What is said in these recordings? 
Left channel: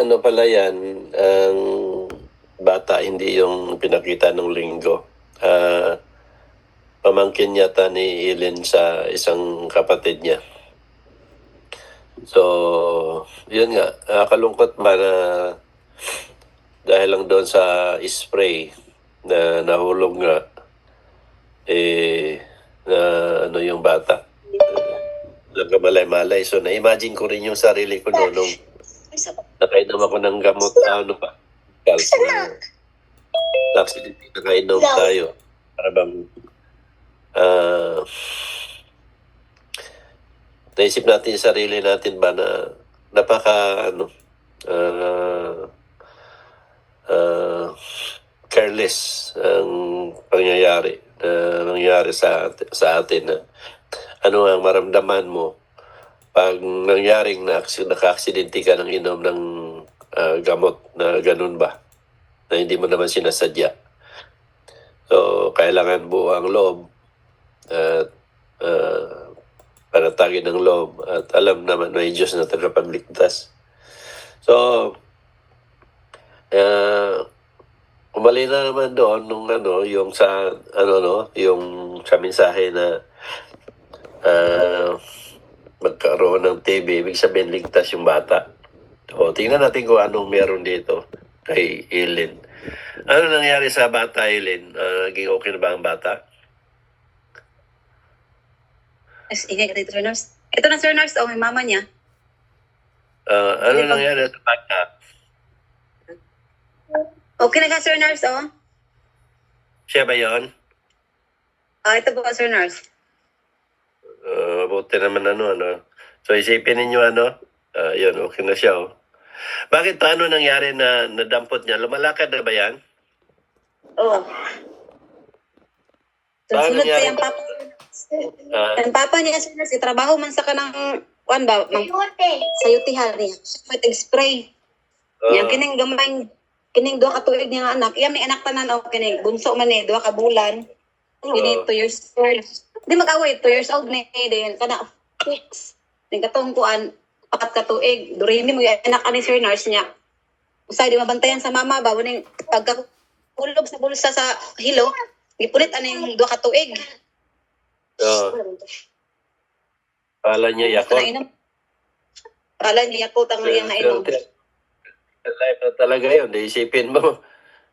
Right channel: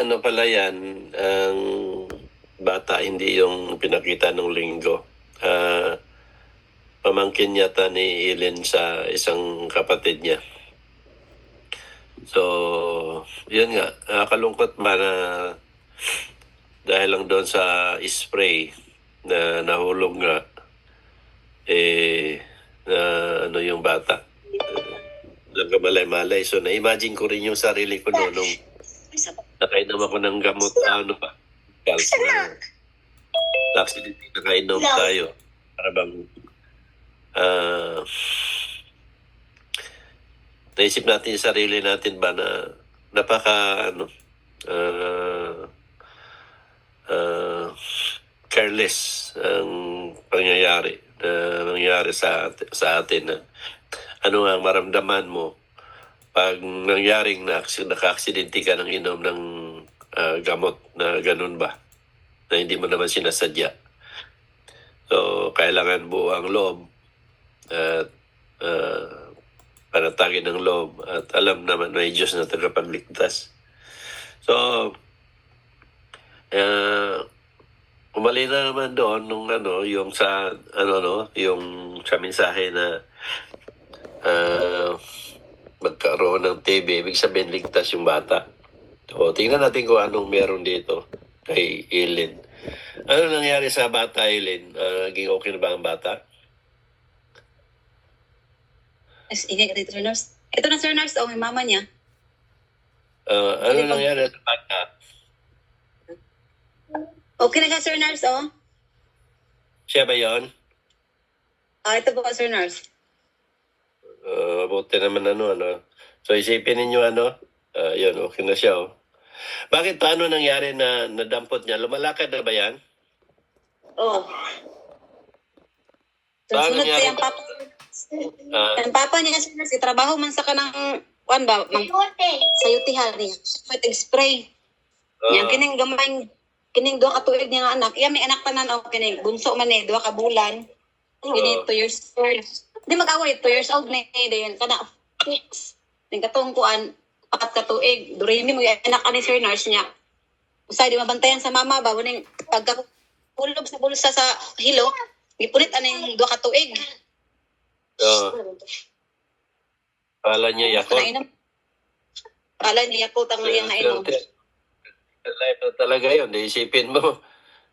ano pala yan, ang bata, hindi yung pinakita ng linggo. Pamangkin yata ni Ellen sa isang kapatid niya. So, yun nga, nakakalungkot ba na dahil lang doon sa spray na nahulog nga, na ano yung bata. Nagkamalay-malay. So, na-imagine ko rin yung sarili ko noon nung nakainom ako ng gamot, ano pa, Charles, na accident, nakainom tayo. Para bang, naisip natin yung sarili natin ba na napaka, careless ang pangyayari na nangyari sa atin na ano ang maramdaman mo pag nangyaring naka-aksidente ka ng inom ng gamot na ganun ba, na hindi mo naman sinasadya. So, kailangan buo ang loob at panatagin ng loob at alam naman may Diyos na tagapagligtas. So, umali na naman doon nung yung sa yung sa mensahe na magkaroon ng TB, ibig sabihin ligtas yung bata. So, tingnan natin kung anong meron dito kay Ellen. Ano nangyari sa bata, Ellen? Naging okay na ba ang bata? Ingay ka dito, Sir Nurse. Ito na, Sir Nurse, may mama niya. Ano nangyari sa bata? Okay na ka, Sir Nurse, Siya ba yun? Ito po, Sir Nurse. Mabuti naman So, isipin ninyo yun, okay na siya, Bakit paano nangyari na nadampot niya? Lumalakad na ba yan? Oo. Paano Sunod nangyari? siya ang papa. Ang papa niya, Sir Nurse, trabaho man sa kanang, sa yutihan niya. May spray. Yan, kining gamay, kining doha ka tuig niya nga anak. Yan, may anak tanan, kining bunso man doha ka bulan. Kining 2 years old. Di mag-away, 2 years old na yun. Kana, fix. Yung katungkuan, 4 ka tuig. Durimi mo yung anak ni Sir Nurse niya. Usay, di mabantayan sa mama ba? Waning pagkakulog sa bulsa sa hilo, ipunit yung 2 ka tuig. Pala niya yakot. Pala niya yakot ang iyang nainom. Life na talaga yun. Isipin mo.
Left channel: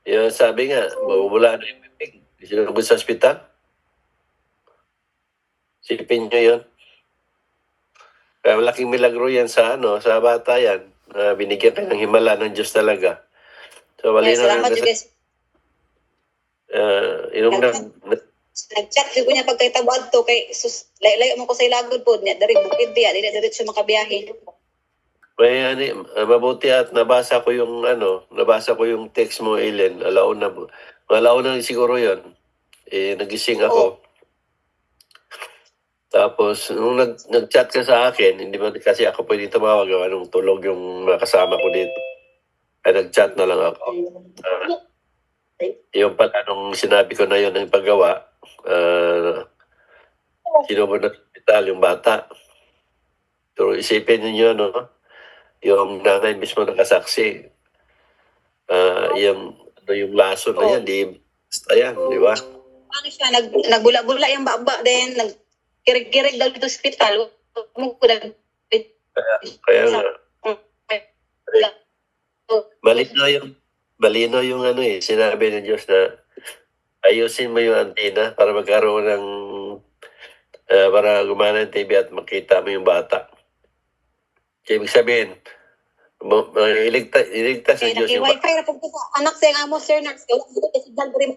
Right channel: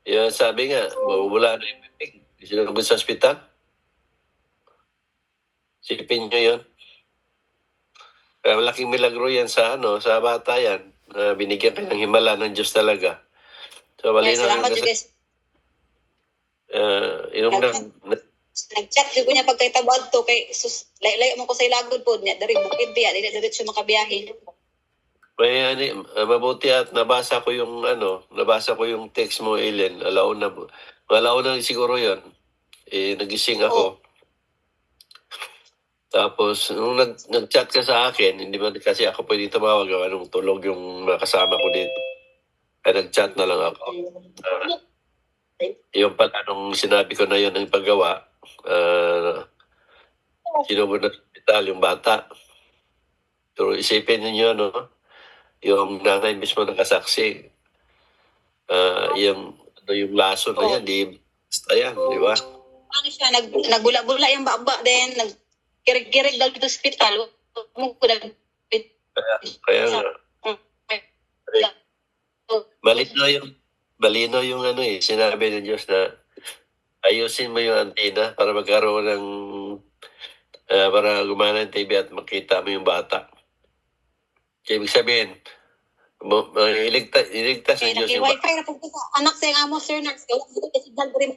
Yung sabi nga, mawala na yung bibig. Sinugod sa ospital. Isipin nyo yun. Kaya malaking milagro yan sa bata yan. Binigyan ka ng himala ng Diyos talaga. So, Salamat yun, guys. Nag-chat ko niya pagkaitabad to kay sus layo mo ko sa ilagod po niya dari bukid biya dili diretso makabiyahe. May mabuti at nabasa ko yung text mo, Ellen. Alauna siguro 'yon. Nagising ako. Tapos nung nag-chat ka sa akin, hindi man kasi ako pwede tumawag, anong tulog yung kasama ko dito. Ay nag-chat na lang ako. Yung pala nung sinabi ko na yun ang paggawa, sinubod na hospital yung bata. Pero isipin niyo yung nanay mismo nakasaksi. Yung laso na yan, di basta yan, di ba? Ano siya, nagbula-bula yung baba, then nagkirig-kirig daw dito sa hospital. Kaya nga. Balino yung sinabi ng Diyos na ayusin mo yung antenna para magkaroon ng para gumana ng TV at makita mo yung bata. Kaya ibig sabihin, iligtas ng Diyos yung bata. Wi-Fi na pagkita. Anak sa yung amo, Sir Nurse. Signal ko rin.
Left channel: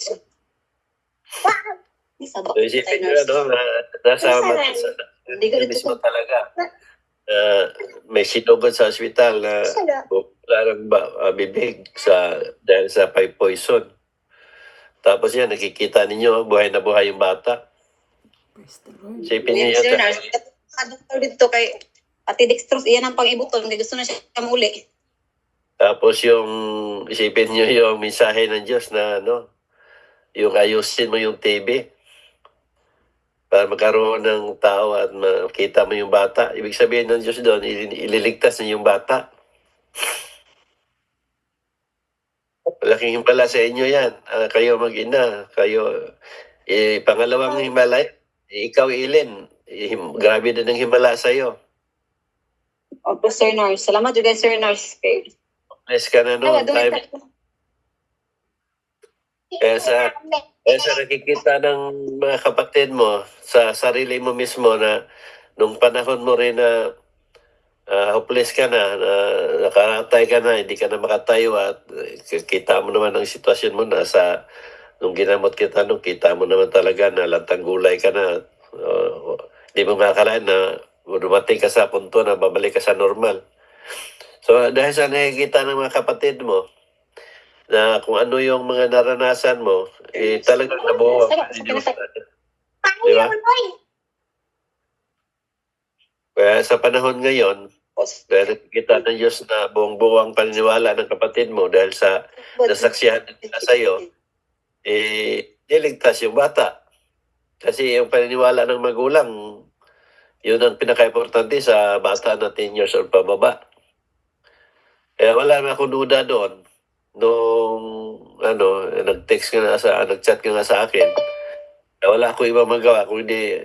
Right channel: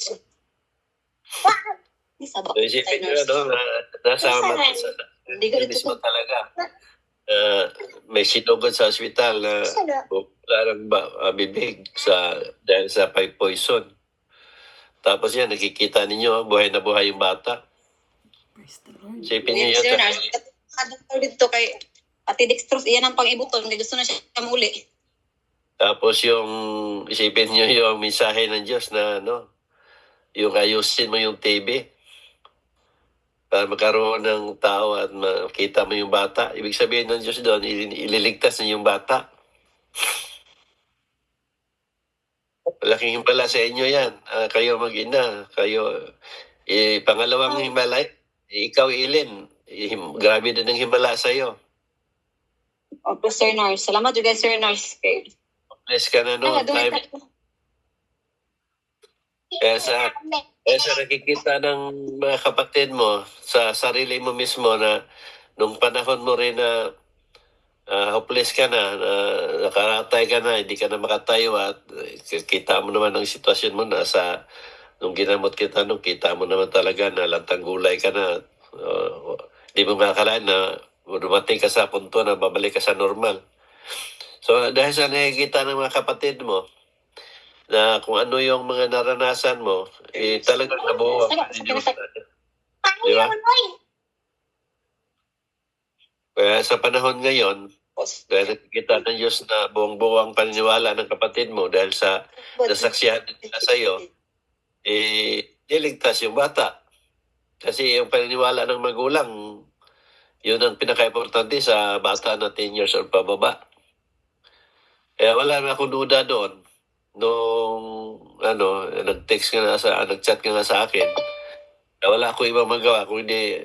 So isipin nyo nasa mismo talaga. May sinugod sa ospital na larang bibig dahil sa pipe poison. Tapos yan, nakikita ninyo, buhay na buhay yung bata. Isipin nyo yan. Doktor dito kay Ate Dextrose, iyan ang pang-ibutol. Hindi gusto na siya muli. Tapos isipin nyo yung mensahe ng Diyos na yung ayusin mo yung TB para magkaroon ng tao at makita mo yung bata. Ibig sabihin ng Diyos doon, ililigtas niya yung bata. Malaking himala sa inyo yan. Kayo mag-ina. Kayo, pangalawang himala, ikaw, Ilin. Grabe din ang himala sa'yo. Opo, Sir Nars. Salamat juga, Sir Nars. Nice ka na noon. Kaya sa nakikita ng mga kapatid mo, sa sarili mo mismo na nung panahon mo rin na hopeless ka na, nakaratay ka na, hindi ka na makatayo at kita mo naman ang sitwasyon mo na nung ginamot kita, nung kita mo naman talaga na lantang gulay ka na, hindi mo makakalaan na dumating ka sa punto na babalik ka sa normal. So dahil sa nakikita ng mga kapatid mo, na kung ano yung mga naranasan mo, talagang nabuo. Di ba? Kaya sa panahon ngayon, dahil kita ng Diyos na buong-buo ang paniniwala ng kapatid mo dahil sa nasaksihan nila sa iyo, niligtas yung bata. Kasi yung paniniwala ng magulang, yun ang pinaka-importante sa bata na 10 years old pababa. Kaya wala na akong duda doon. Nung nag-text ka nga nag-chat ka nga sa akin, wala akong ibang magawa kung hindi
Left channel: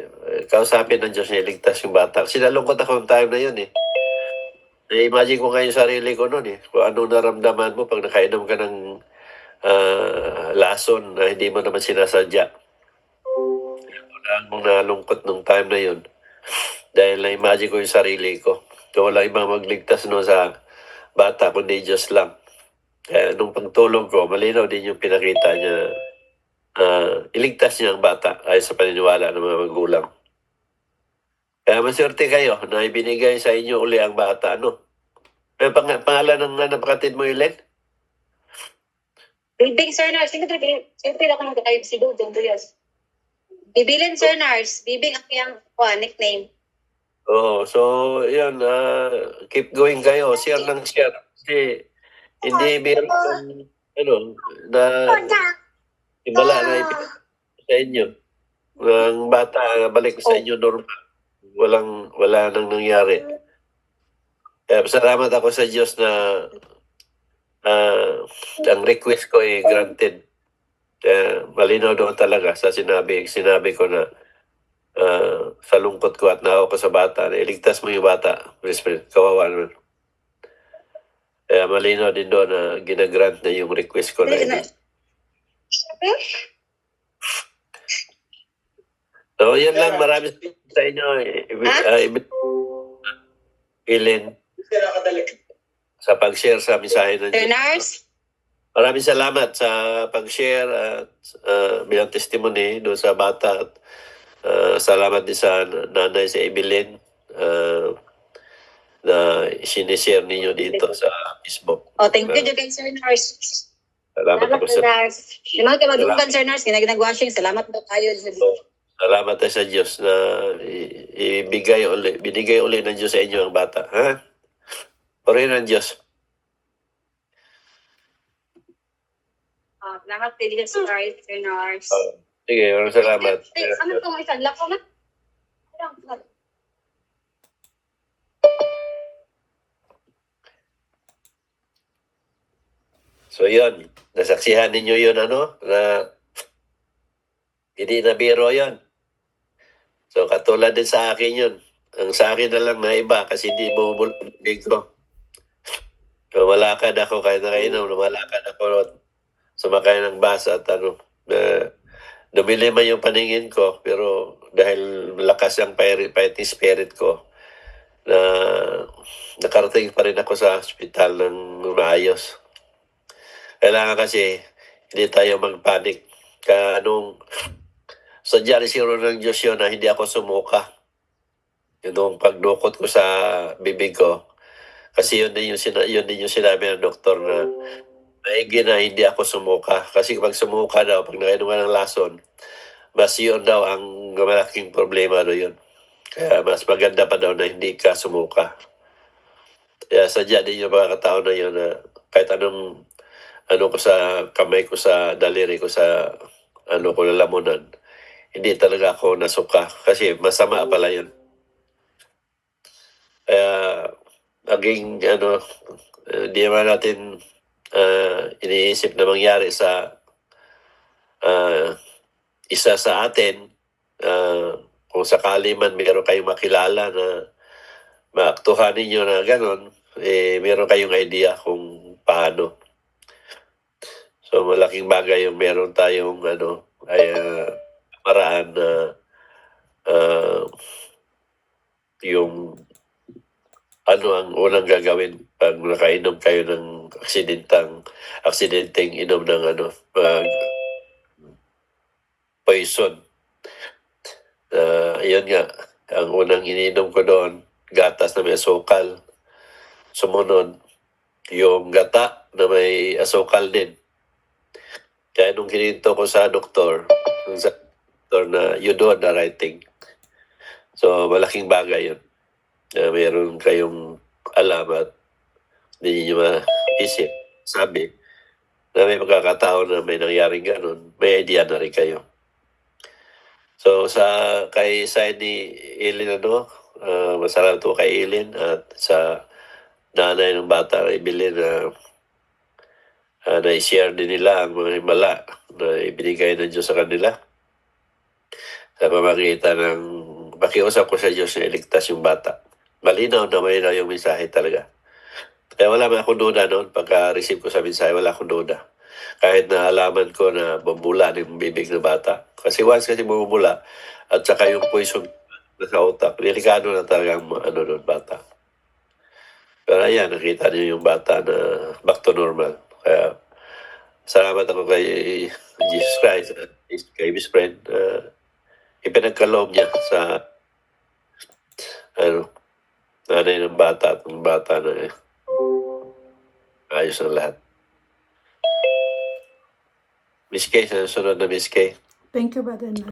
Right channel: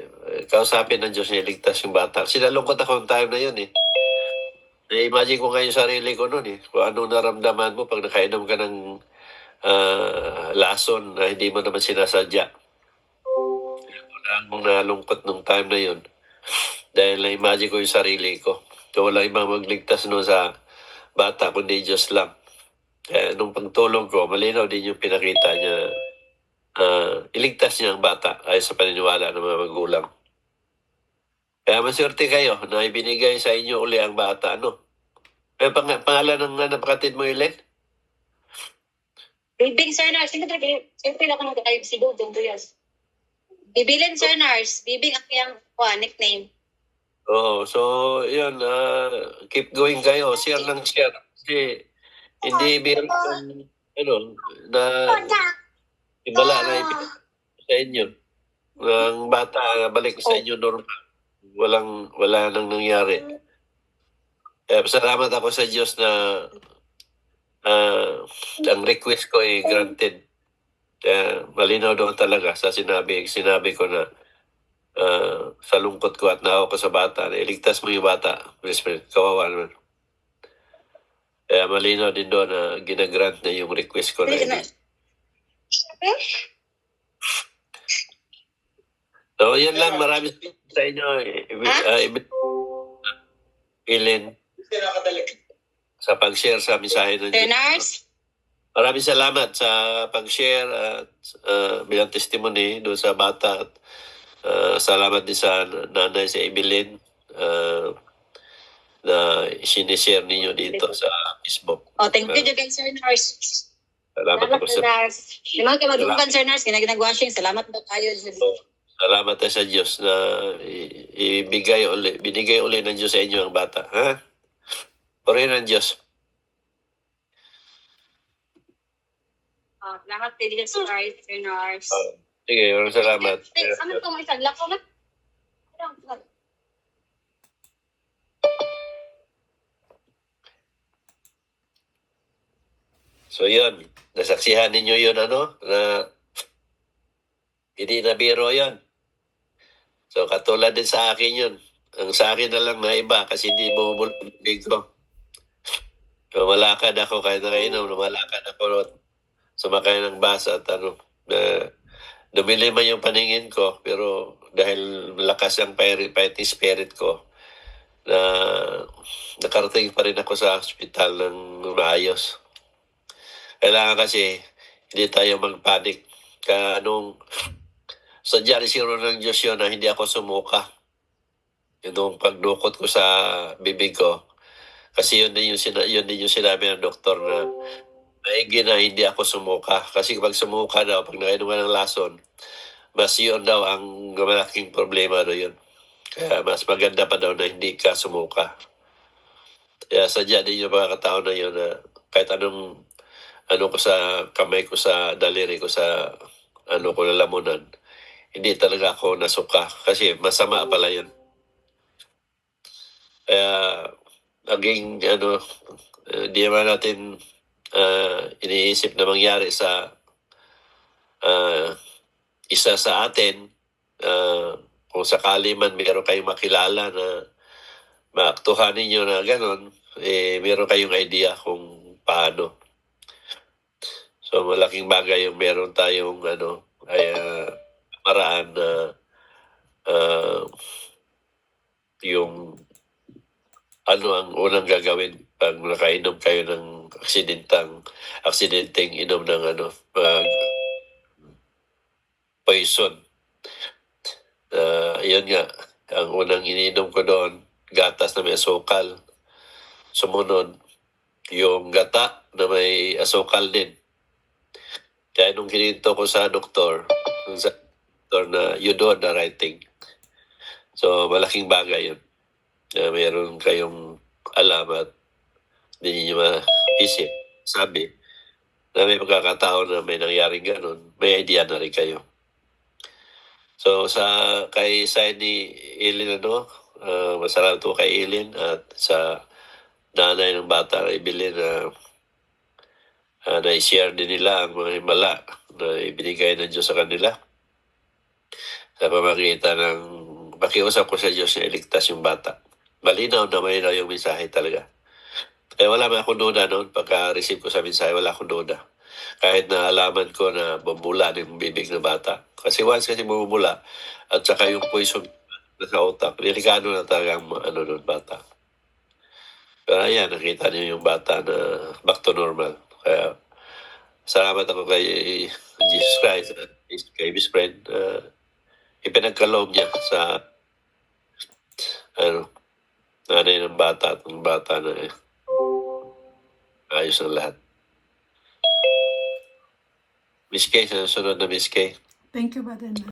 kausapin ng Diyos na iligtas yung bata. Sinalungkot ako ng time na yun eh. Na-imagine ko nga yung sarili ko noon eh. Kung anong naramdaman mo pag nakainom ka ng lason na hindi mo naman sinasadya. Wala mong nalungkot nung time na yun. Dahil na-imagine ko yung sarili ko. So wala ibang magligtas no sa bata kundi Diyos lang. Kaya nung pagtulong ko, malinaw din yung pinakita niya. Iligtas niya ang bata ay sa paniniwala ng mga magulang. Kaya maswerte kayo na ibinigay sa inyo uli ang bata. Ano? May pangalan ng napakatid mo, Ilen? Bibing, Sir Nars. Siyempre ako nang kayo si Dudong Duyas. Bibilin, Sir Nars. Bibing ang kiyang nickname. Oo. So, yun. Keep going kayo. Share ng share. Kasi hindi meron na ibala na sa inyo. Ang bata, balik sa inyo normal. Wala nang nangyari. Kaya salamat ako sa Diyos na ang request ko ay granted. Malinaw daw talaga sa sinabi ko na sa lungkot ko at naawa ko sa bata na iligtas mo yung bata. Kawawa naman. Kaya malinaw din doon na ginagrant na yung request ko na So, yan lang. Marami sa inyo. Ilin. Sa pag-share sa mensahe ng Diyos. Maraming salamat sa pag-share at bilang testimony doon sa bata. At salamat din sa nanay si Evelyn na sinishare ninyo dito sa Facebook. Thank you, Sir Nars. Salamat po sa Nars. Yung mga kamadunggan, Sir Nars, ginag-washing. Salamat po kayo. Salamat tayo sa Diyos na binigay uli ng Diyos sa inyo ang bata. Ha? Purihin ng Diyos. Salamat po din sa Sir Nars. Sige, salamat. Ano itong isang lako na? So yun, nasaksihan ninyo yun na hindi na biro yun. So katulad din sa akin yun. Ang sa akin na lang na iba kasi hindi bumubulbig ko. Lumalakad ako kahit nakainom, lumalakad ako sumakay ng bus at dumilima yung paningin ko pero dahil malakas ang fighting spirit ko na nakarating pa rin ako sa hospital ng maayos. Kailangan kasi hindi tayo magpanik. Sadya rin siguro ng Diyos yun na hindi ako sumuka. Yung pagdukot ko sa bibig ko. Kasi yun din yung sinabi ng doktor na maigi na hindi ako sumuka. Kasi pag sumuka daw, pag nakainom ka ng lason, mas yun daw ang malaking problema yun. Kaya mas maganda pa daw na hindi ka sumuka. Kaya sadya din yung mga katao na yun na kahit anong ko sa kamay ko sa daliri ko sa ko lalamunan, hindi talaga ako nasuka kasi masama pala yun. Kaya naging di naman natin iniisip na mangyari sa isa sa atin, kung sakali man meron kayong makilala na maaktuhan ninyo na gano'n, meron kayong idea kung paano. So malaking bagay yung meron tayong paraan na yung ano ang unang gagawin pag nakainom kayo ng aksidenteng inom ng poison. Yun nga, ang unang ininom ko doon, gatas na may asukal. Sumunod, yung gata na may asukal din. Kaya nung kininto ko sa doktor na you do the right thing. So, malaking bagay yun. Meron kayong alam at hindi nyo maisip. Sabi, na may pagkakataon na may nangyaring ganun, may idea na rin kayo. So, kay ni Eileen, masalamat po kay Eileen at sa nanay ng bata na ibili na na-share din nila ang mga himala na ibinigay ng Diyos sa kanila. Sa pamamagitan ng pakiusap ko sa Diyos na iligtas yung bata. Malinaw yung mensahe talaga. Kaya wala man akong duda noon. Pagka-receive ko sa mensahe, wala akong duda. Kahit na alaman ko na bumula ng bibig ng bata. Kasi once bumula, at saka yung poison na sa utak, delikado na talaga ang ng bata. Pero ayan, nakita niyo yung bata na back to normal. Kaya salamat ako kay Jesus Christ at kay Miss Friend. Ipinagkaloob niya sa nanay ng bata at ng bata na ayos ang lahat. Miss Kay, sunod na Miss Kay. Thank you, Brother.